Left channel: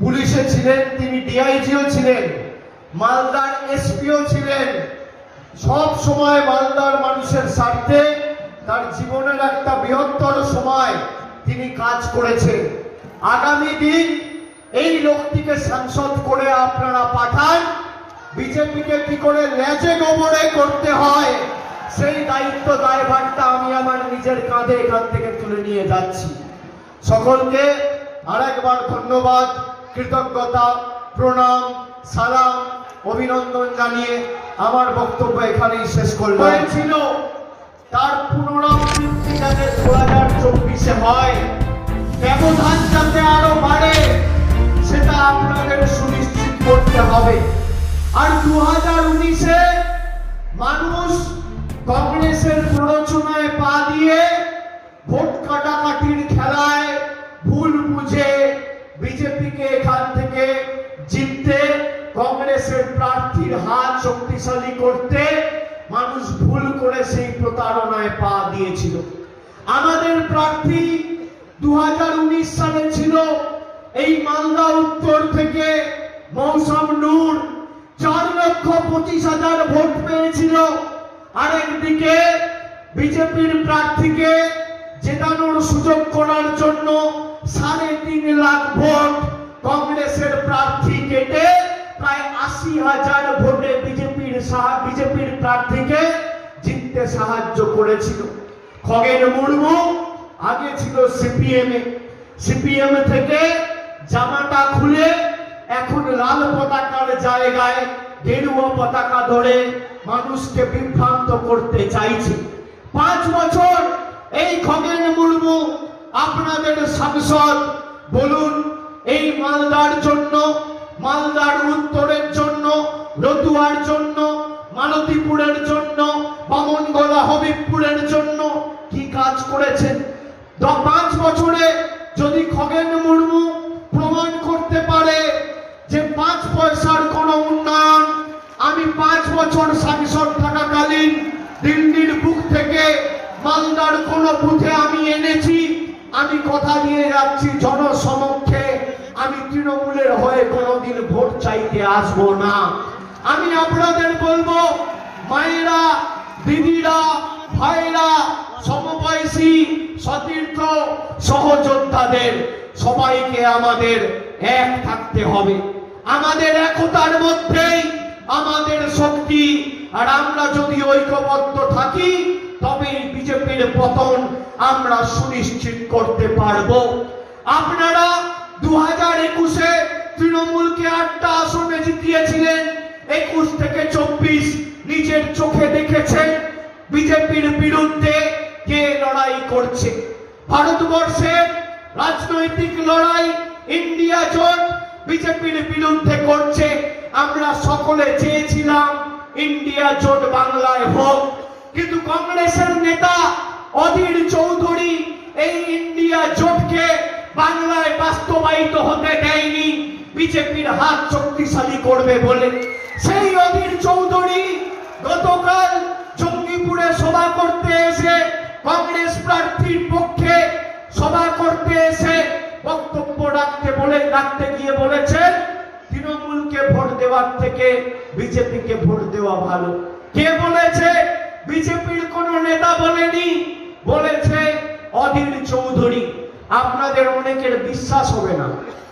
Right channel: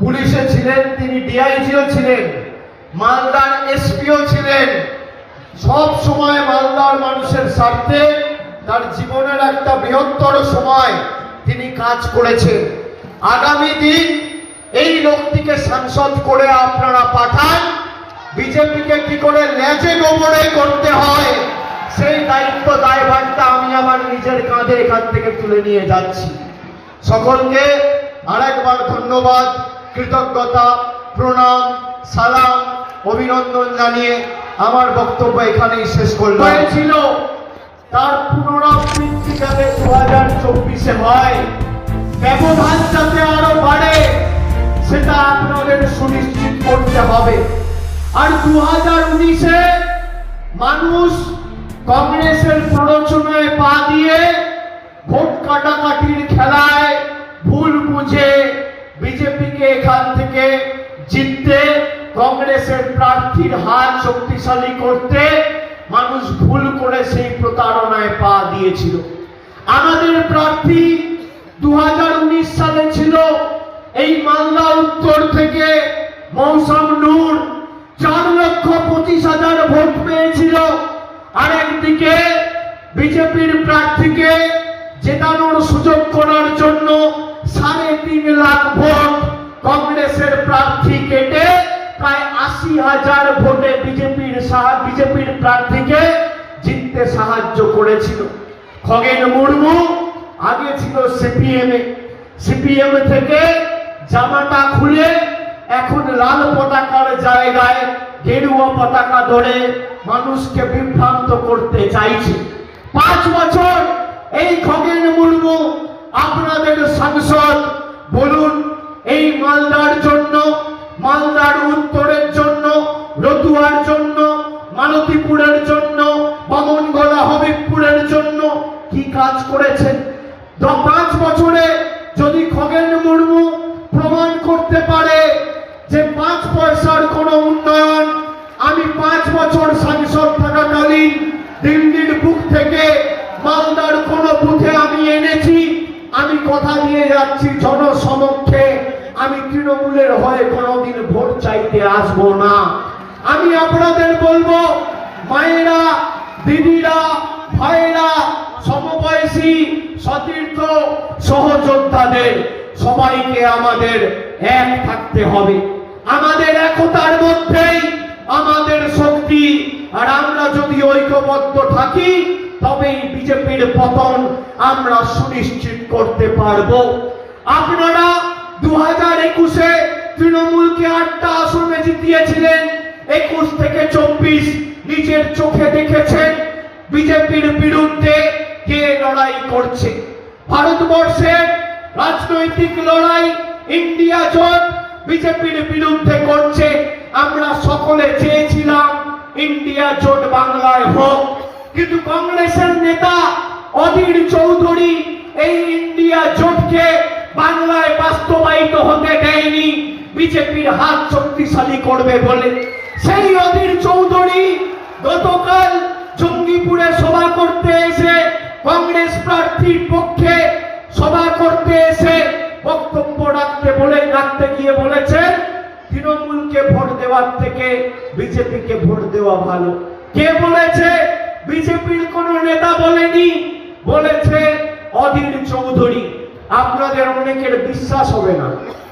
পুলিশে ছিলেন, তিনি ডিআইজিও ছিলেন, মালদার এসপিও ছিলেন। সব সময় মালদার মানুষের স্বার্থে তার জীবনের একটা বৃহত্তর সময় তিনি কাজ করেছেন। আগামী দিন এই লোকটিকে সাংসদ করে আপনারা পাঠান, বিজেপিকে কি করে লেজে গোবরে করতে হয় সেই দায়িত্ব দায়ভারটা আমি আমার নিজের কাঁধে এখান থেকে তুলে নিয়ে যাচ্ছি। সকলকে আরেকবার ধন্যবাদ, কৃতজ্ঞতা, প্রণাম, সালাম, অভিনন্দন জানিয়ে আমার বক্তব্য এখানেই শেষ করলাম। হয়েছিল তার পুনরাবৃত্তি যাতে 2024-এ হয়, ব্যবধান যাতে আরো বাড়ে সেটা আপনাদের সুনিশ্চিত করতে হবে। আর 2019-এ মানুষ কংগ্রেসের প্ররোচনায় পা দিয়ে ভোট কাটাকাটির খেলায় ভুল বুঝে বিজেপিকে এখান থেকে জিততে, কংগ্রেসের প্রার্থীর হাত শক্তিশালী করতে মানুষ ভুল করে সেই প্রতারণায় পা দিয়েছিল। আমাদের প্রার্থী 2019 সালে ছিল এই মালদা উত্তর থেকে মৌসম নূর, 4,25,000 ভোট পেয়েছিল। আরেকদিকে বিজেপির প্রার্থীকে জেতানোর সুযোগ করার জন্য 3.5 লাখ ভোট কংগ্রেসের প্রার্থী কেটে প্রায় 80,000 ভোটে বিজেপির প্রার্থীকে জিততে সাহায্য করেছিল। খগেন মুর্মু আগে ছিল সিপিএম থেকে জামাটা খুলে এখন লাল পতাকার জায়গায় গেরুয়া পতাকা ধরে মানুষকে বিভ্রান্ত করতে চাইছে। 5 বছর এই খগেন মুর্মু আপনাদের সাংসদ। বলুন, এই মালদার জন্য, মালদার উত্তরের জন্য, রতুয়ার জন্য, মালতীপুরের জন্য, বামনগোলা হবিবপুরের জন্য কি কাজ করেছেন? 5 বছরে যদি খগেন মুর্মু প্রমাণ করতে পারে যে 5 পয়সার কোনো উন্নয়ন আমি 5 বছর সাংসদ থাকাকালীন দিল্লির বুক থেকে মালদার কোন বুথে আমি এনেছি, আমি কথা দিয়ে যাচ্ছি জনসমক্ষে আমি তৃণমূলের হয়ে কোনোদিন ভোট চাইতে আসবো না। আমি আপনাদের বলবো, মায়েরা, দিদিরা, ভাইরা, সমবয়সী, সতীর্থ, সহযোদ্ধাদের সবাইকে আমাদের এক থাকতে হবে। আমাদের একতার মধ্যেই আমাদের শক্তি। আর আমরা যদি ঐক্যবদ্ধ থাকি তবেই বিজেপির পতন আমরা সুনিশ্চিত করতে পারবো। আপনারা 2021-এ তৃণমূলকে 8টা আসনে জিতিয়েছিলেন। 21 থেকে 24 নিজের চোখে দেখেছেন বিজেপির বিরুদ্ধে কে লড়াই করছে। ভারতবর্ষের রাজনৈতিক লড়াই ইন্ডিয়া জোট বিজেপির বিরুদ্ধে করছে। আমরা সকলে চেয়েছিলাম ইন্ডিয়া জোট বাংলায় হোক, কিন্তু কংগ্রেসের নেতা অধীর চৌধুরী এই ইন্ডিয়া জোটকে বাংলায় বাস্তবায়িত হতে দেয়নি বিজেপির হাত শক্তিশালী করবে বলে। সেই অধীর চৌধুরী গতকাল জঙ্গিপুরে সভা করতে এসে, কংগ্রেস প্রার্থীর পক্ষে সভা করতে এসে বক্তব্য রাখতে গিয়ে বলেছেন তৃণমূলকে ভোট দেওয়ার থেকে বিজেপিকে ভোট দেওয়া ভালো। কে বলেছে? বিজেপির কোন নেতা বলেনি, বলেছে অধীর চৌধুরী। আপনাদের অনেকের বিশ্বাস হবে না,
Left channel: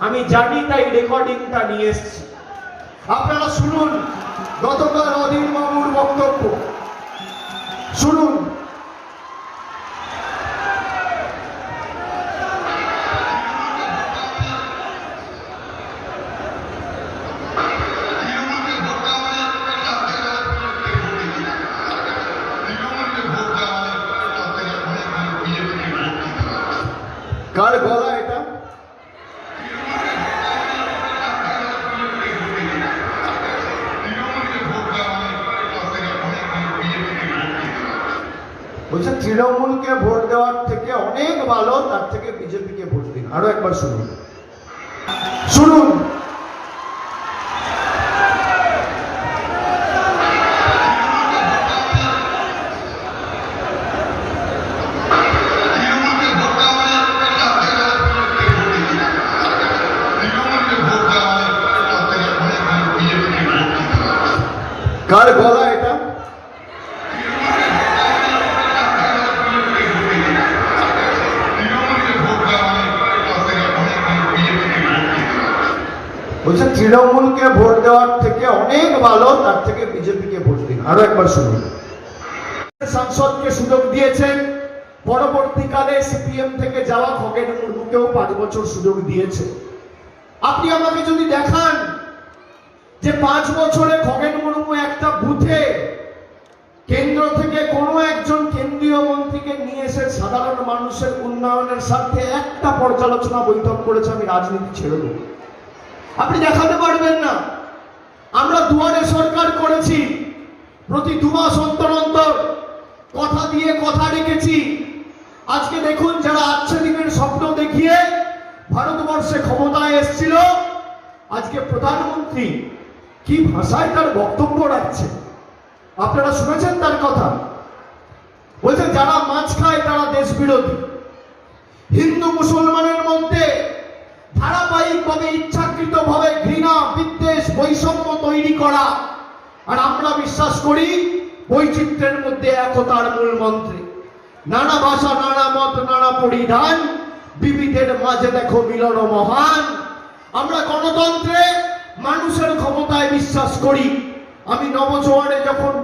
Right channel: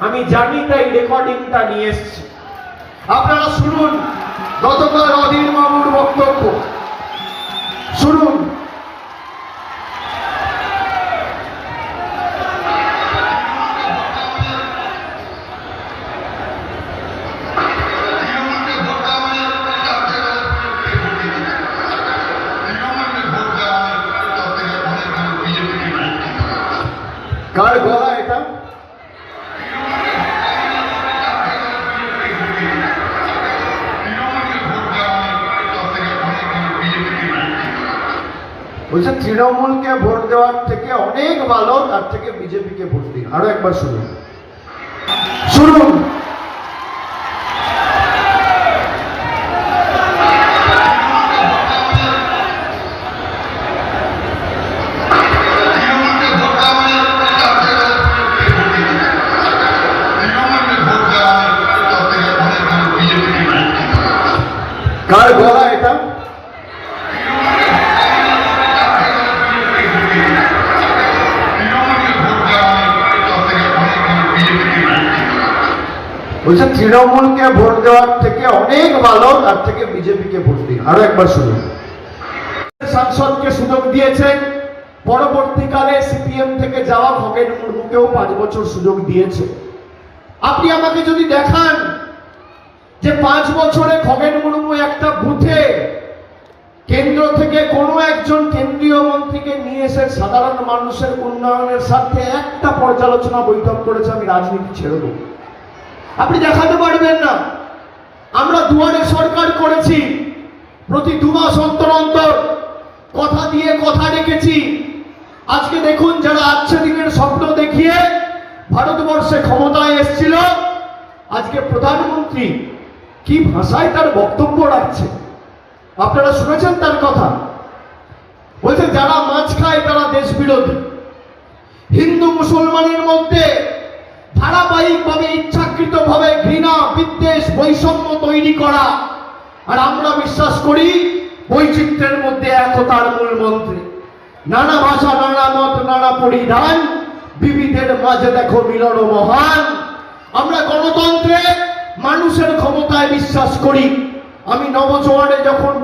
আমি জানি, তাই রেকর্ডিংটা নিয়ে এসেছি। আপনারা শুনুন গতকাল অধীর বাবুর বক্তব্য, শুনুন। কার গলা এটা? বলছে তৃণমূলকে ভোট দেওয়ার থেকে অনেক ভালো, তার থেকে বিজেপিকে ভোট দিন। আরো একবার শুনুন, শুনুন। কার গলা এটা? বলছে তৃণমূলকে ভোট দেওয়ার থেকে অনেক ভালো, তার থেকে বিজেপিকে ভোট দিন। আরো একবার শুনুন। সাংসদকে সুযোগ দিয়েছেন, পরবর্তীকালে সিপিএম থেকে যাওয়া খগেন মুর্মুকেও 5 বছর সুযোগ দিয়েছে। আপনি আমাকে যদি দেখান যে 5 বছরে খগেন মুর্মু একটা বুথে কেন্দ্র থেকে কোনো একজন কেন্দ্রীয় মন্ত্রীকে নিয়ে এসে সাধারণ মানুষের উন্নয়নের স্বার্থে একটা পর্যালোচনা বৈঠক করেছে, আমি রাজনীতি ছেড়ে দেব, আপনি দেখাতে পারবেন না। আমরা দুয়ারে সরকার করেছি, প্রতি 2 মাস অন্তর অন্তর কথা দিয়ে কথা রেখেছি। আজকে দেখুন, যারা আচ্ছাদিনের স্বপ্ন দেখিয়ে ভারতবর্ষে ক্ষমতায় এসেছিল, আজকে প্রধানমন্ত্রী কি ভাষায় তার বক্তব্য রাখছে আপনারা শুনেছেন তার কথা? বলছে যারা মাছ খায় তারা দেশ বিরোধী। হিন্দু মুসলমানের মধ্যে ধারাবাহিকভাবে ইচ্ছাকৃতভাবে ঘৃণা, বিদ্বেষ, বৈষম্য তৈরি করা। আর আমরা বিশ্বাস করি বৈচিত্র্যের মধ্যে একতার মূল মন্ত্রে। নানা ভাষা, নানা মত, নানা পরিধান, বিবিধের মাঝে দেখো মিলন মহান। আমরা গণতন্ত্রে মানুষের ক্ষমতায় বিশ্বাস করি। আমি নবজোয়ারে যখন